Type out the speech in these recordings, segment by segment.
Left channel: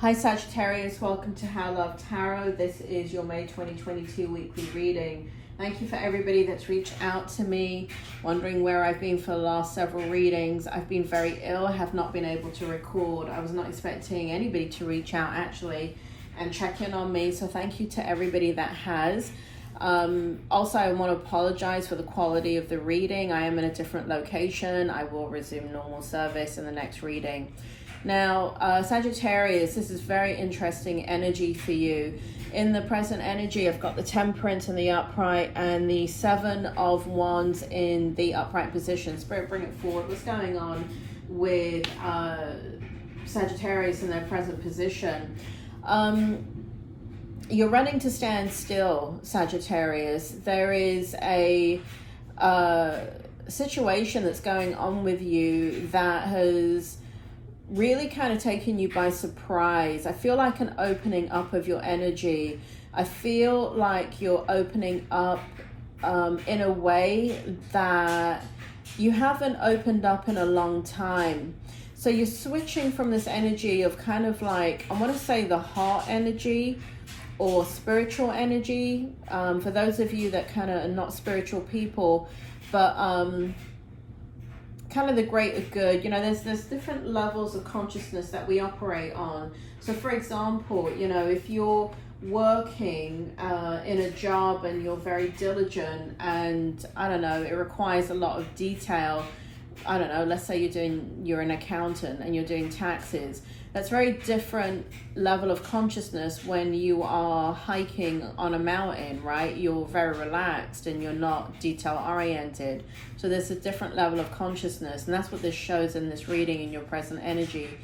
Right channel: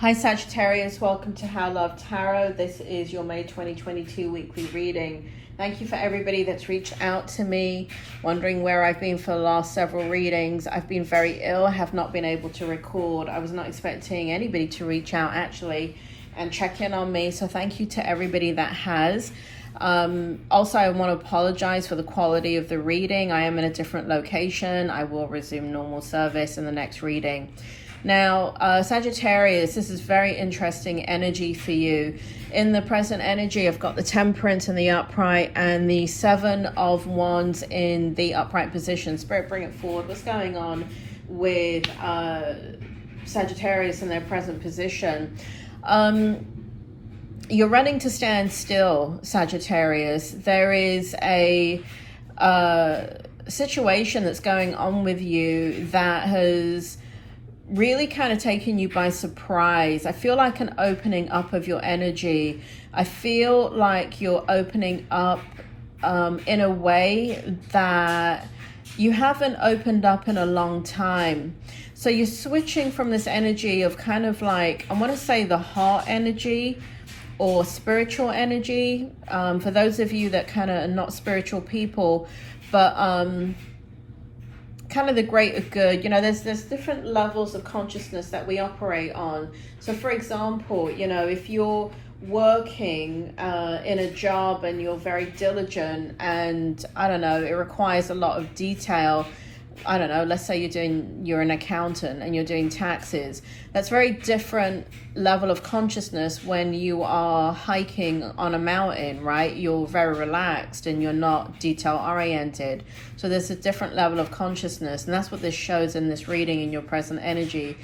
Hi Sagittarius, welcome to How Love Tarot. This is your May 2022 weekly reading. Thank you for everybody that's reached out to me, wondering where I've been for the last several readings. I've been very ill, I have not been able to record. I was not expecting anybody to reach out actually and check in on me, so thank you to everybody that has. Also, I want to apologize for the quality of the reading. I am in a different location. I will resume normal service in the next reading. Now, Sagittarius, this is very interesting energy for you. In the present energy, I've got the Temperance in the upright and the Seven of Wands in the upright position. Spirit, bring it forward. What's going on with Sagittarius in their present position? You're running to stand still, Sagittarius. There is a situation that's going on with you that has really kind of taken you by surprise. I feel like an opening up of your energy. I feel like you're opening up in a way that you haven't opened up in a long time. So you're switching from this energy of kind of like, I want to say the heart energy or spiritual energy. For those of you that kind of are not spiritual people, but kind of the greater good, you know, there's different levels of consciousness that we operate on. So for example, you know, if you're working in a job and you're very diligent and I don't know, it requires a lot of detail. I don't know, let's say you're an accountant and you're doing taxes. That's very different level of consciousness when you are hiking on a mountain, right? You're very relaxed and you're not detail oriented. So there's a different level of consciousness, and that's what this shows in this reading in your present energy.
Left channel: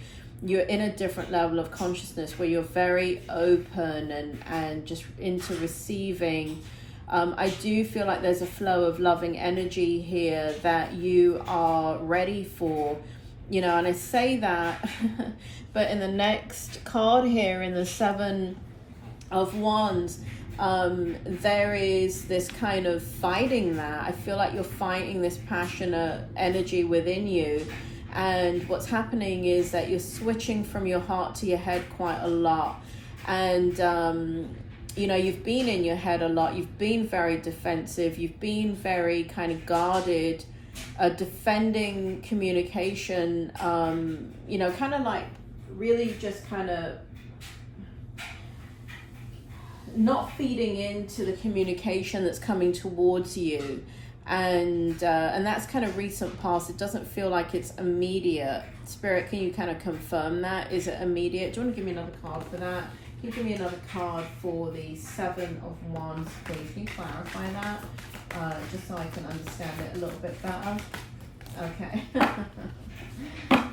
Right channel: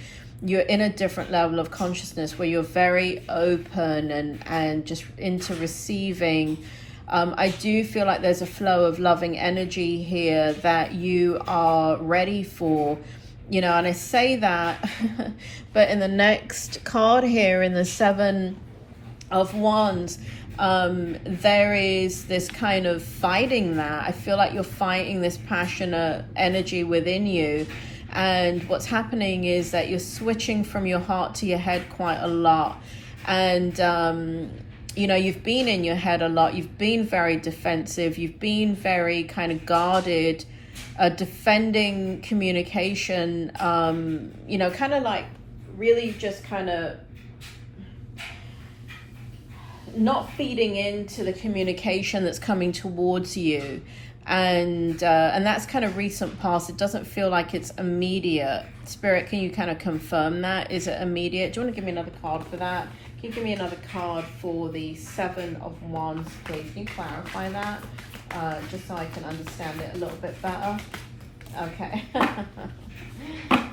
You're in a different level of consciousness where you're very open and just into receiving. I do feel like there's a flow of loving energy here that you are ready for, you know, and I say that, but in the next card here, in the Seven of Wands, there is this kind of fighting that. I feel like you're fighting this passionate energy within you. And what's happening is that you're switching from your heart to your head quite a lot. And, you know, you've been in your head a lot. You've been very defensive. You've been very kind of guarded, defending communication, you know, kind of like really just kind of not feeding into the communication that's coming towards you. And that's kind of recent past. It doesn't feel like it's immediate. Spirit, can you kind of confirm that? Is it immediate? Do you want to give me another card for that? Can you give me another card for the Seven of Wands, please? Can you clarify that? Just so I can understand it a little bit better. Okay.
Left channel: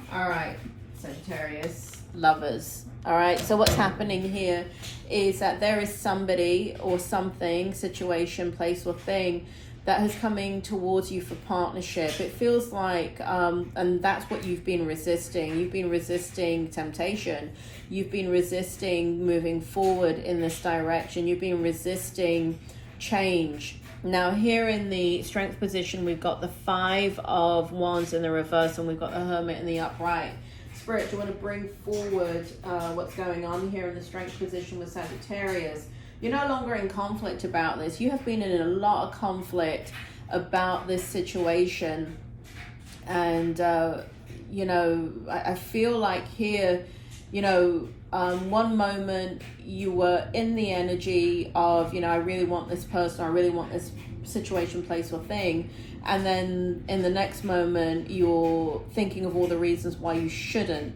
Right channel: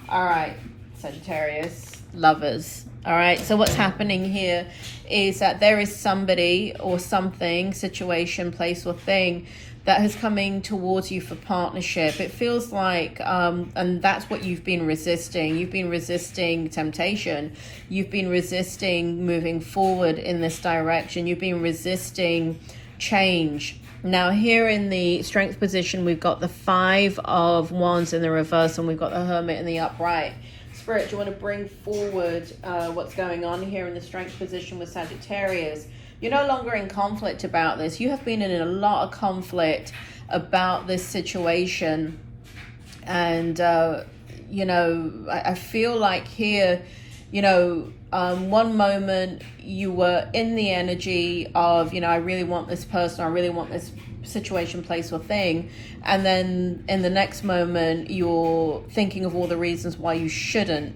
All right, Sagittarius, lovers. All right, so what's happening here is that there is somebody or something, situation, place, or thing that is coming towards you for partnership. It feels like, and that's what you've been resisting. You've been resisting temptation. You've been resisting moving forward in this direction. You've been resisting change. Now here in the Strength position, we've got the Five of Wands in the reverse, and we've got the Hermit in the upright. Spirit, do you want to bring forward what's going on here in the Strength position with Sagittarius? You're no longer in conflict about this. You have been in a lot of conflict about this situation. And, you know, I feel like here, you know, one moment you were in the energy of, you know, I really want this person, I really want this situation, place, or thing. And then in the next moment, you're thinking of all the reasons why you shouldn't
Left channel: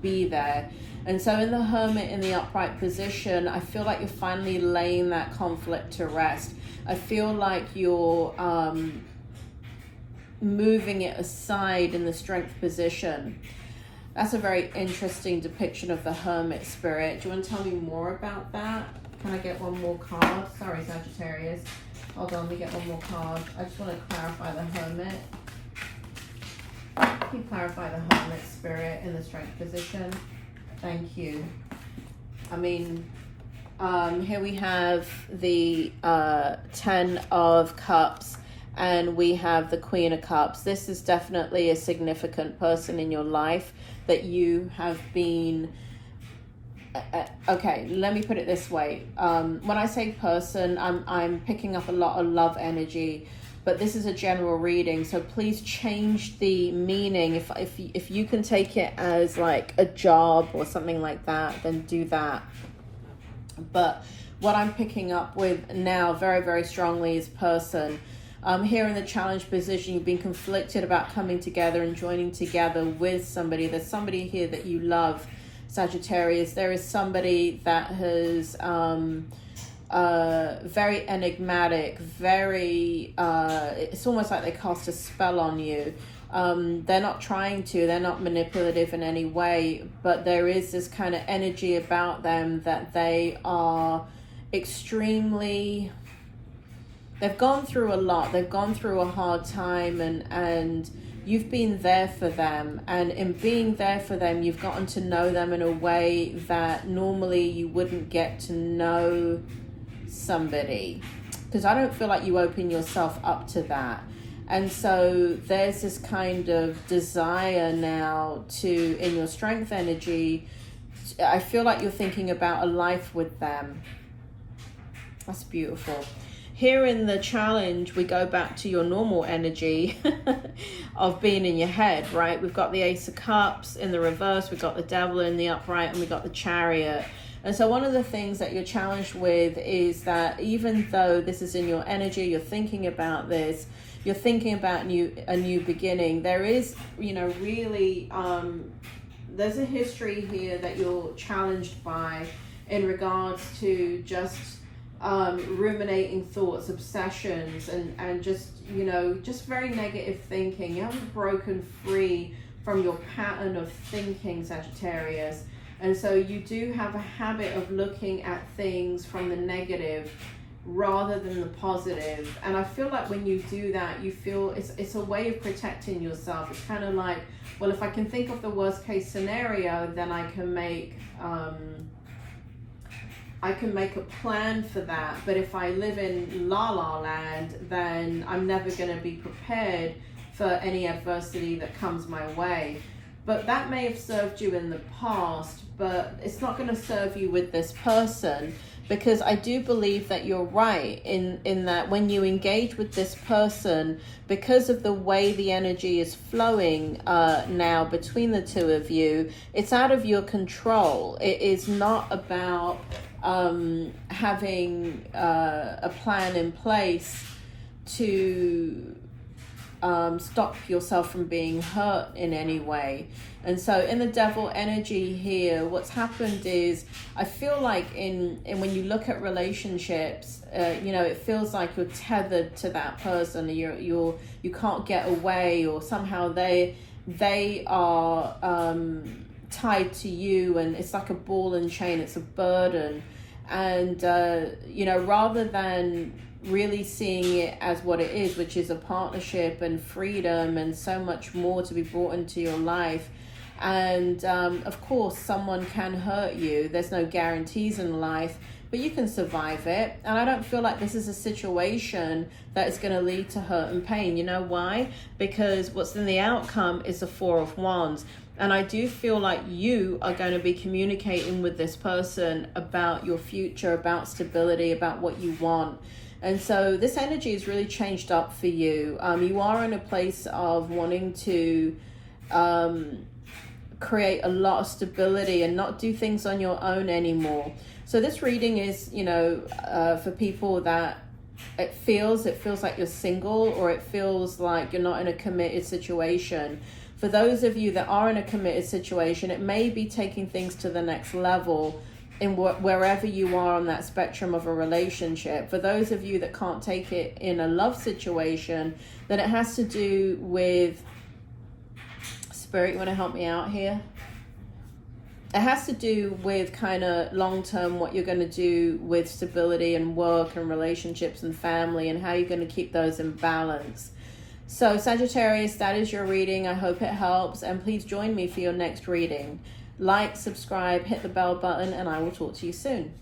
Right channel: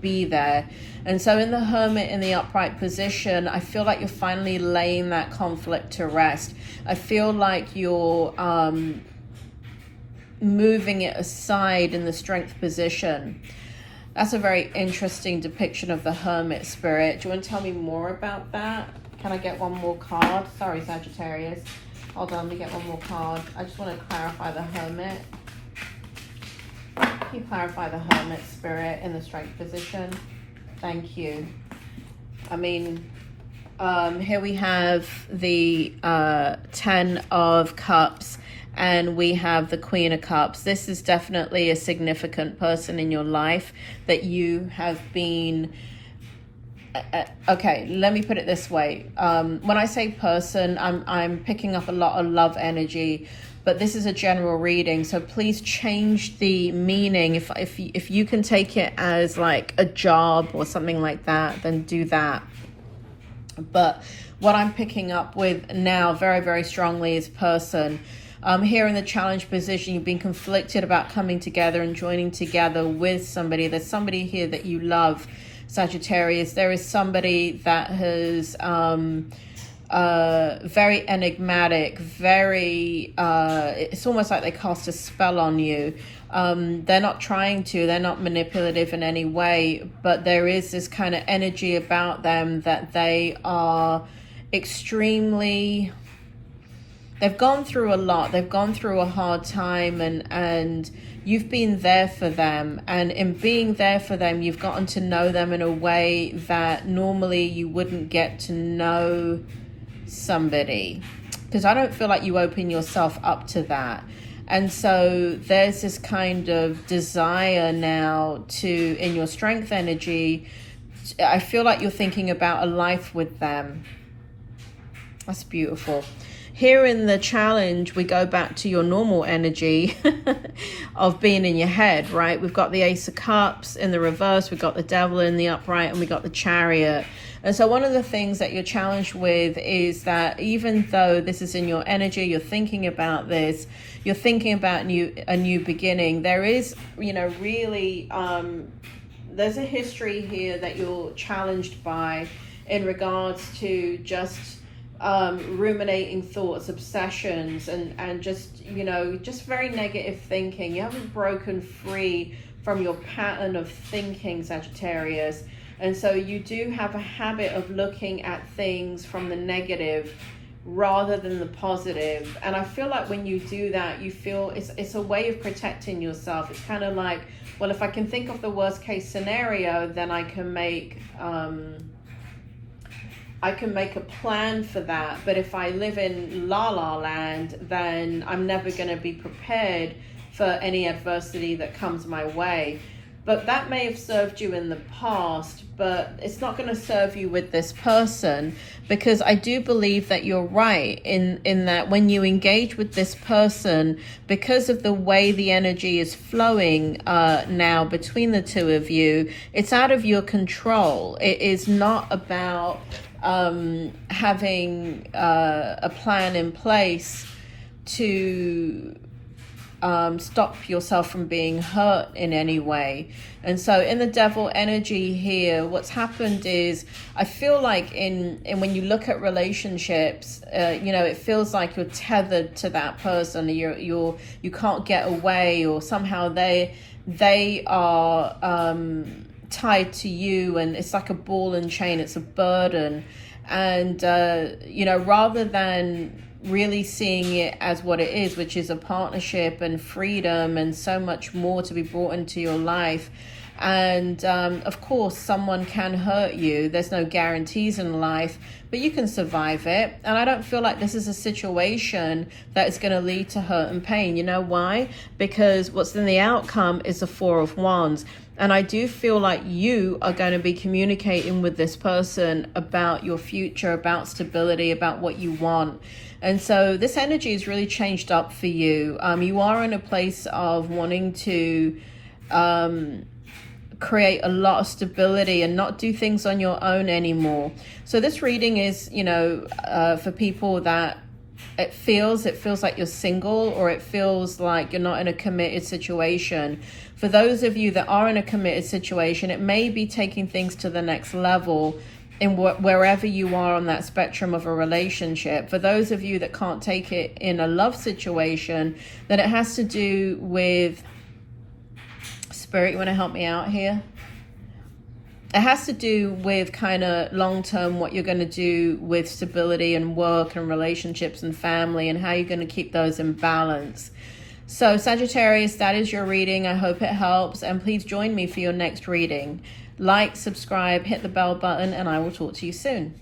be there. And so in the Hermit in the upright position, I feel like you're finally laying that conflict to rest. I feel like you're moving it aside in the Strength position. That's a very interesting depiction of the Hermit, Spirit. Do you want to tell me more about that? Can I get one more card? Sorry, Sagittarius. Hold on, let me get one more card. I just want to clarify the Hermit. Can you clarify the Hermit, Spirit, in the Strength position? Thank you. I mean, here we have the Ten of Cups and we have the Queen of Cups. This is definitely a significant person in your life that you have been okay, let me put it this way. When I say person, I'm picking up a lot of love energy, but this is a general reading, so please change the meaning. If you can take it as like a job or something like that, then do that. But what I'm picking up with now very, very strongly is person. Here in the challenge position, you've been conflicted about coming together and joining together with somebody. There's somebody here that you love, Sagittarius. There is somebody that has very enigmatic, very it's almost like they cast a spell on you. They're not trying to, they're not manipulative in any way, but there is this kind of energy about them that they are extremely, they've gone through a lot, they've gone through a hard time, and you've been there for them, and in being there for them, you've gotten to know them in a way that normally you wouldn't get to know somebody, because I don't feel like you open yourself up to that. And so there's this kind of desire now to, in your strength energy, I feel like you're thinking about a life with them. That's beautiful. Here in the challenge, we go back to your normal energy of being in your head, right? We've got the Ace of Cups in the reverse, we've got the Devil in the upright, and we got the Chariot. And so one of the things that you're challenged with is that even though this is in your energy, you're thinking about this, you're thinking about a new beginning, there is, you know, really, there's a history here that you're challenged by in regards to just ruminating thoughts, obsessions, and just, you know, just very negative thinking. You haven't broken free from your pattern of thinking, Sagittarius. And so you do have a habit of looking at things from the negative rather than the positive. And I feel like when you do that, you feel it's a way of protecting yourself. It's kind of like, well, if I can think of the worst case scenario, then I can make a plan for that. But if I live in La La Land, then I'm never going to be prepared for any adversity that comes my way. But that may have served you in the past, but it's not going to serve you with this person, because I do believe that you're right in that when you engage with this person, because of the way the energy is flowing now between the two of you, it's out of your control. It is not about having a plan in place to stop yourself from being hurt in any way. And so in the Devil energy here, what's happened is, I feel like in when you look at relationships, you know, it feels like you're tethered to that person. You can't get away, or somehow they are tied to you, and it's like a ball and chain. It's a burden. And you know, rather than really seeing it as what it is, which is a partnership and freedom and so much more to be brought into your life. And of course, someone can hurt you. There's no guarantees in life, but you can survive it. And I don't feel like this is a situation that is going to lead to hurt and pain. You know why? Because what's in the outcome is the Four of Wands. And I do feel like you are going to be communicating with this person about your future, about stability, about what you want. And so this energy is really changed up for you. You are in a place of wanting to create a lot of stability and not do things on your own anymore. So this reading is, you know, for people that it feels like you're single, or it feels like you're not in a committed situation. For those of you that are in a committed situation, it may be taking things to the next level in wherever you are on that spectrum of a relationship. For those of you that can't take it in a love situation, then it has to do with, Spirit, you want to help me out here? It has to do with kind of long-term what you're going to do with stability and work and relationships and family, and how you're going to keep those in balance. So Sagittarius, that is your reading. I hope it helps, and please join me for your next reading. Like, subscribe, hit the bell button, and I will talk to you soon.